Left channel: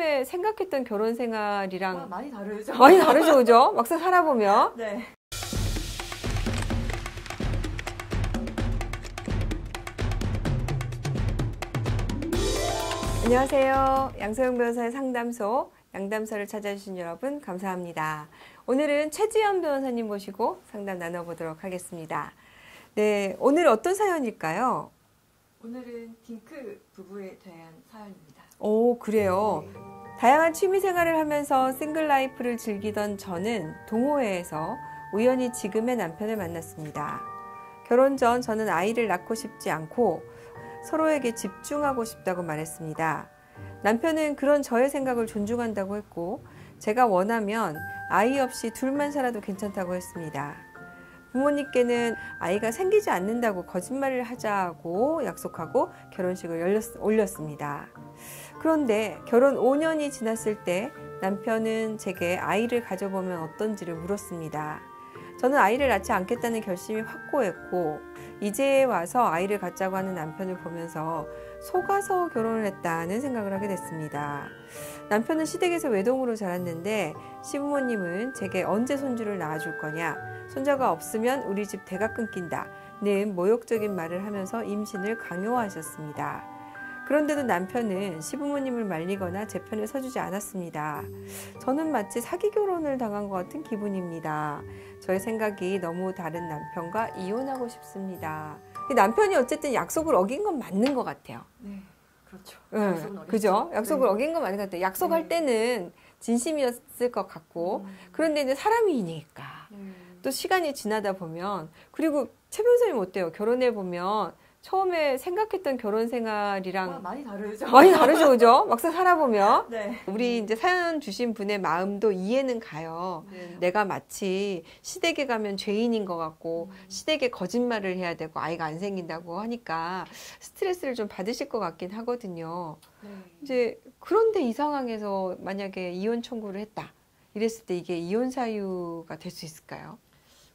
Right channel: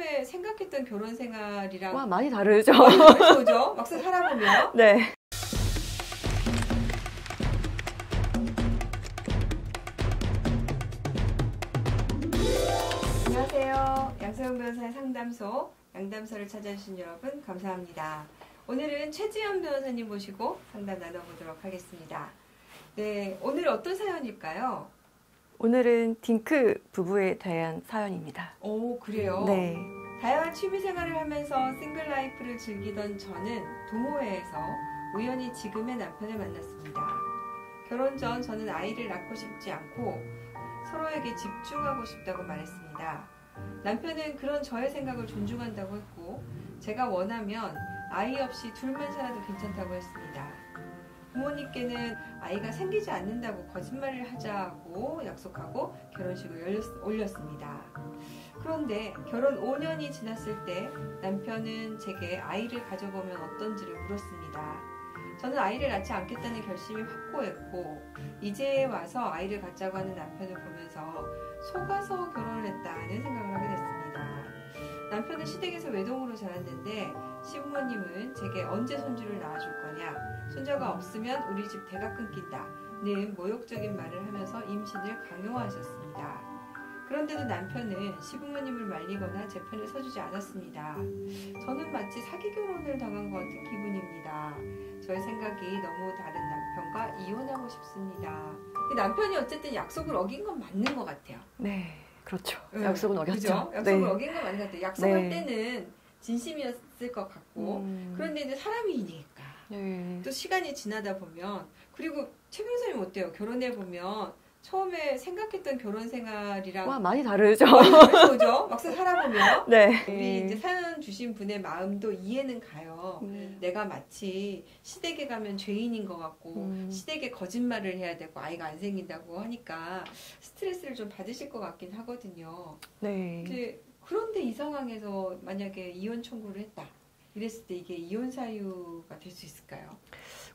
처음에 생각했던 결혼 생활이랑 와, 많이 다르죠. 많이 다르죠, 그죠? 막상 살아보면. 네. 안녕하세요. 양서영 변호사의 상담소, 양담소를 찾아주신 여러분 감사합니다. 오늘은 최지연 변호사님 모시고 상담 나눠보도록 하겠습니다. 네, 오늘 어떤 사연일까요? 오늘은 딩크 부부에 대한 사연입니다. 오, 그래요? 네. 다양한 취미생활을 하면서 싱글 라이프를 즐기던 저는 동호회에서 우연히 지금의 남편을 만났습니다. 결혼 전 저는 아이를 낳고 싶지 않고 서로에게 집중하고 싶다고 말했습니다. 남편은 그런 저의 생각을 존중한다고 했고 제가 원하면 아이 없이 둘만 살아도 괜찮다고 했습니다. 부모님께는 아이가 생기지 않는다고 거짓말을 하자고 약속하고 결혼식을 올렸습니다. 그런데 결혼 5년이 지났을 때 남편은 제게 아이를 가져보면 어떤지를 물었습니다. 저는 아이를 낳지 않겠다는 결심이 확고했고 이제 와서 아이를 갖자고 하는 남편을 보면서 속아서 결혼을 했다는 생각을 하게 됐습니다. 남편은 시댁에서 외동으로 자랐는데 시부모님은 제게 언제 손주를 낳아줄 거냐, 손자가 없으면 우리 집 대가 끊긴다는 모욕적인 말을 하면서 임신을 강요하셨습니다. 그런데도 남편은 시부모님을 말리거나 제 편을 서주지 않았습니다. 저는 마치 사기 결혼을 당한 것 같은 기분입니다. 저의 생각이 너무 다른 남편과 이혼하고 싶습니다. 남편이 어쨌든 약속을 어긴 건 맞는 것 같아요. 네, 그렇죠. 네, 약속은 어겼죠. 그죠? 약속을 네. 어긴 건 맞는 것 같아요. 약속할 네. 때는 진심이었을 것 같고 그런데 이제 사람이니까 또 시간이 지나다 보면 그리고 최 변호사님 어때요? 결혼해 보면 처음에 생각했던 결혼 생활이랑 와, 많이 다르죠. 많이 다르죠, 그죠? 막상 살아보면 네. 우리 이제 사연 주신 분의 마음도 이해는 가요. 내가 마치 시댁에 가면 죄인인 것 같고 시댁에 거짓말을 해야 되고 아이가 안 생긴다고 하니까 스트레스를 좀 받으실 것 같긴 하거든요. 네. 이제 그런데 이 상황에서 만약에 이혼 청구를 했다 이랬을 때 이게 이혼 사유가 될 수 있을까요?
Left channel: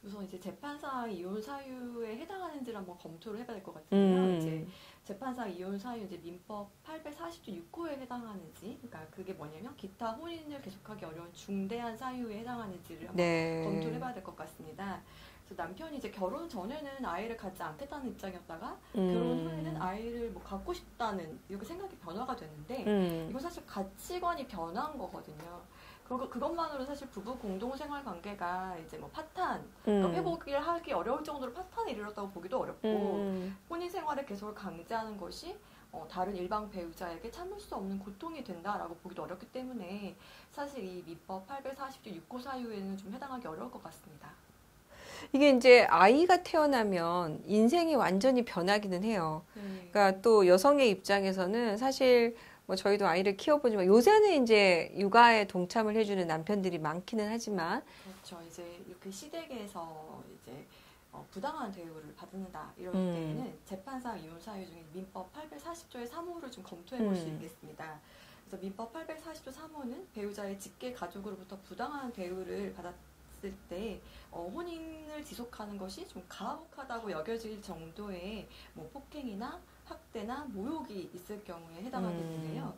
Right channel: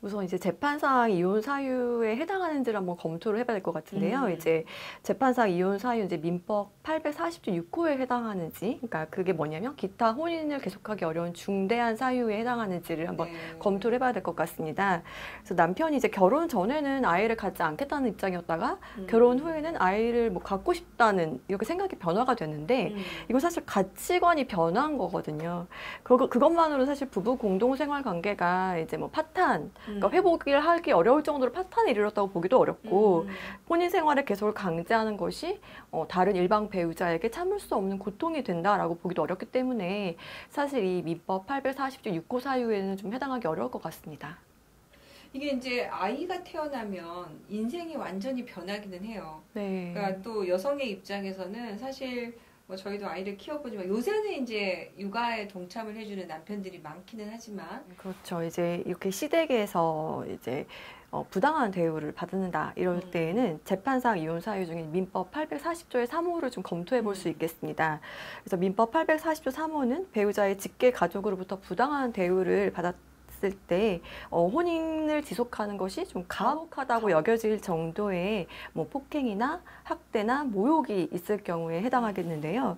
우선 이제 재판상 이혼 사유에 해당하는지를 한번 검토를 해봐야 될 것 같은데요. 이제 재판상 이혼 사유 이제 민법 840조 6호에 해당하는지, 그러니까 그게 뭐냐면 기타 혼인을 계속하기 어려운 중대한 사유에 해당하는지를 한번 검토를 해봐야 될 것 같습니다. 그래서 남편이 이제 결혼 전에는 아이를 갖지 않겠다는 입장이었다가 결혼 후에는 아이를 뭐 갖고 싶다는 이렇게 생각이 변화가 됐는데 이거 사실 가치관이 변한 거거든요. 그것만으로 사실 부부 공동 생활 관계가 이제 뭐 파탄 그러니까 회복을 하기 어려울 정도로 파탄에 이르렀다고 보기도 어렵고 혼인 생활의 계속을 강제하는 것이 다른 일방 배우자에게 참을 수 없는 고통이 된다라고 보기도 어렵기 때문에 사실 이 민법 840조 6호 사유에는 좀 해당하기 어려울 것 같습니다. 이게 이제 아이가 태어나면 인생이 완전히 변하기는 해요. 네. 그러니까 또 여성의 입장에서는 사실 뭐 저희도 아이를 키워보지만 요새는 이제 육아에 동참을 해주는 남편들이 많기는 하지만 그렇죠. 이제 이렇게 시댁에서 이제 부당한 대우를 받는다 이럴 때에는 재판상 이혼 사유 중에 민법 840조의 3호를 좀 검토해 볼 수 있겠습니다. 그래서 민법 840조 3호는 배우자의 직계 가족으로부터 부당한 대우를 받았을 때 혼인을 지속하는 것이 좀 가혹하다고 여겨질 정도의 뭐 폭행이나 학대나 모욕이 있을 경우에 해당하겠는데요.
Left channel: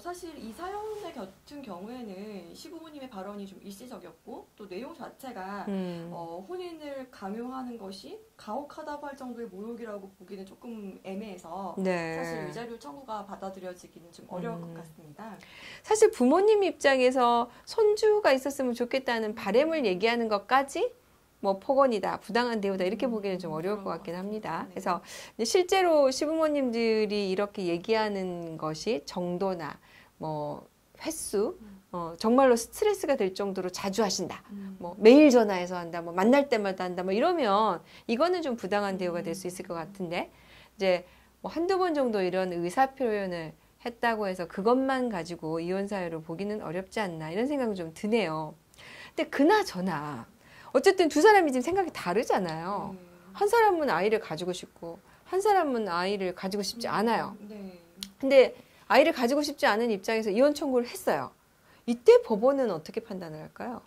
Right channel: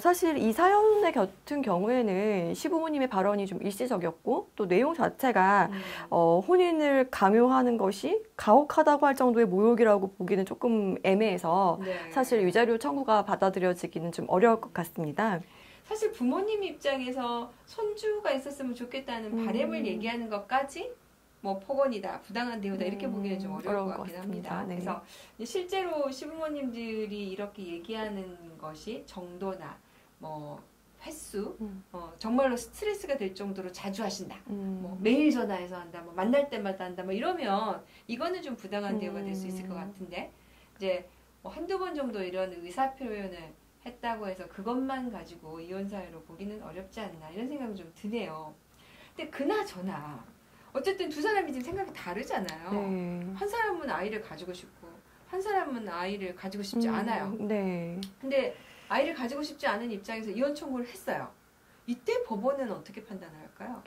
사실 이 사연 같은 경우에는 시부모님의 발언이 좀 일시적이었고 또 내용 자체가 혼인을 강요하는 것이 가혹하다고 할 정도의 모욕이라고 보기는 조금 애매해서 네. 사실 위자료 청구가 받아들여지기는 좀 어려울 것 같습니다. 사실 부모님 입장에서 손주가 있었으면 좋겠다는 바람을 얘기하는 것까지 뭐 폭언이다, 부당한 대우다 이렇게 보기는 좀 어려울 것 같긴 합니다. 네. 그래서 실제로 시부모님들이 이렇게 얘기하는 것이 정도나 뭐 횟수, 정말로 스트레스가 될 정도로 자주 하신다. 뭐 매일 전화해서 한다, 뭐 만날 때마다 한다, 뭐 이러면 이거는 좀 부당한 대우가 될 수 있을 것 같은데 이제 뭐 한두 번 정도 이런 의사 표현을 했다고 해서 그것만 가지고 이혼 사유로 보기는 어렵지 않나 이런 생각이 좀 드네요. 근데 그나저나 어쨌든 두 사람이 지금 생각이 다르잖아요. 한 사람은 아이를 가지고 싶고 한 사람은 아이를 가지고 싶지 않아요. 네. 근데 아이를 가지고 싶지 않은 입장에서 이혼 청구를 했어요. 이때 법원은 어떻게 판단을 할까요?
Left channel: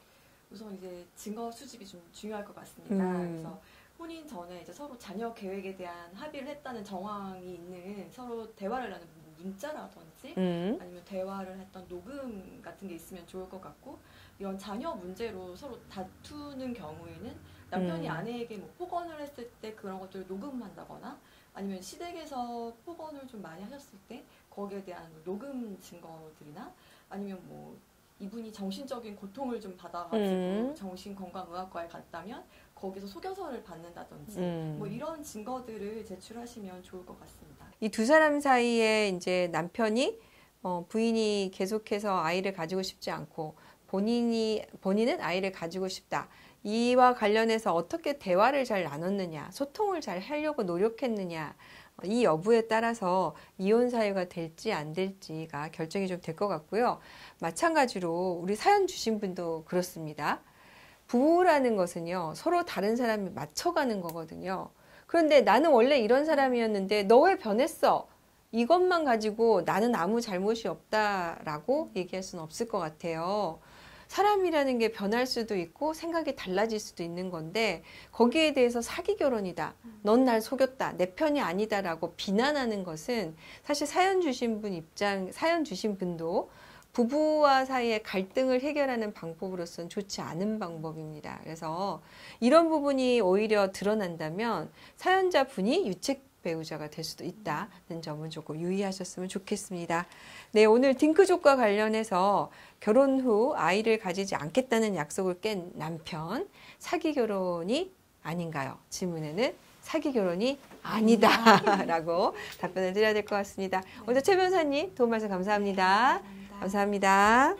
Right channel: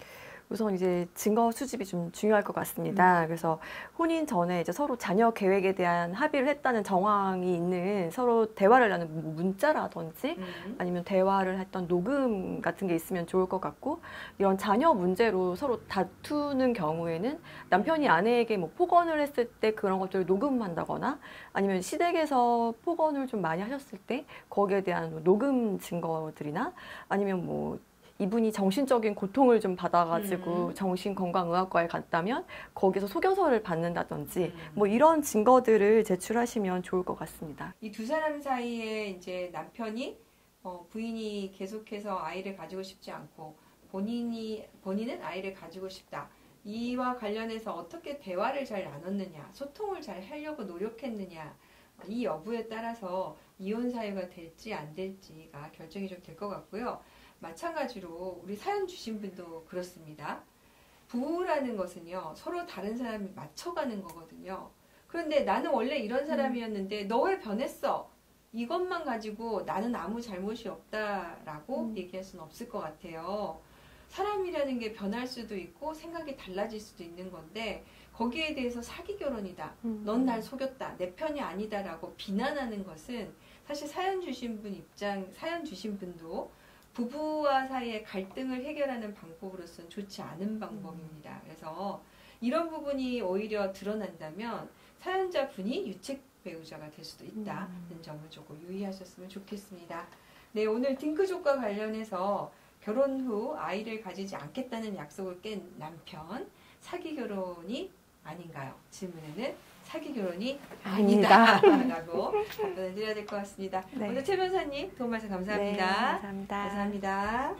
우선 이제 증거 수집이 좀 중요할 것 같습니다. 그래서 혼인 전에 이제 서로 자녀 계획에 대한 합의를 했다는 정황이 있는 서로 대화를 나눈 문자라든지 아니면 대화를 했던 녹음 같은 게 있으면 좋을 것 같고, 이런 자녀 문제로 서로 다투는 경우에는 남편이 아내에게 뭐 폭언을 했을 때 그런 것들을 녹음한다거나, 아니면 시댁에서 폭언을 좀 많이 하셨을 때 거기에 대한 녹음 증거들이나, 아니면 뭐 이분이 정신적인 고통을 좀 받아가지고 정신건강의학과에 갔다면 거기서 소견서를 받는다든지 뭐 이런 증거들을 제출하시면 좋을 것 같습니다. 이 두 사람 사이에 이제 남편이 부인이 계속해서 아이를 가지고 싶지 않고 본인은 아이를 가지고 싶다. 이와 관련해서 어떻게 대화를 잘 나눴느냐, 소통을 잘 하려고 노력했느냐, 이 여부에 따라서 이혼 사유가 될지 안 될지가 결정이 좀 될 것 같고요. 마찬가지로 우리 사연 주신 분도 그렇습니다. 부부라는 것은요, 서로 다른 사람이 맞춰가는 거거든요. 그런데 나는 원래 이런 사람이었는데 너 왜 변했어? 이것만 가지고 나는 아무 잘못이 없다라고 얘기할 수는 없을 것 같아요. 사람이라는 게 변할 수도 있고 생각이 달라질 수도 있는 건데, 거기에 대해서 사기 결혼이다, 넌 날 속였다, 내 편이 아니다라고 비난하는 것은 사실 사연 주신 분도 부부와 사이의 갈등을 해결하는 방법으로서는 좋지 않은 방법입니다. 그래서 이런 부분이 오히려 드러난다면 사연자 분이 유책 배우자가 될 수도 있다는 점을 조금 유의하셨으면 좋겠습니다. 네, 오늘 딩크족과 관련해서 결혼 후 아이를 가지지 않겠다는 약속을 깬 남편, 사기 결혼이 아닌가요? 질문에는 사기 결혼이 아니다라고 답변을 드려야 될 것 같습니다. 네. 오늘 최 변호사님 도움 말씀 감사합니다. 네, 감사합니다. 감사합니다.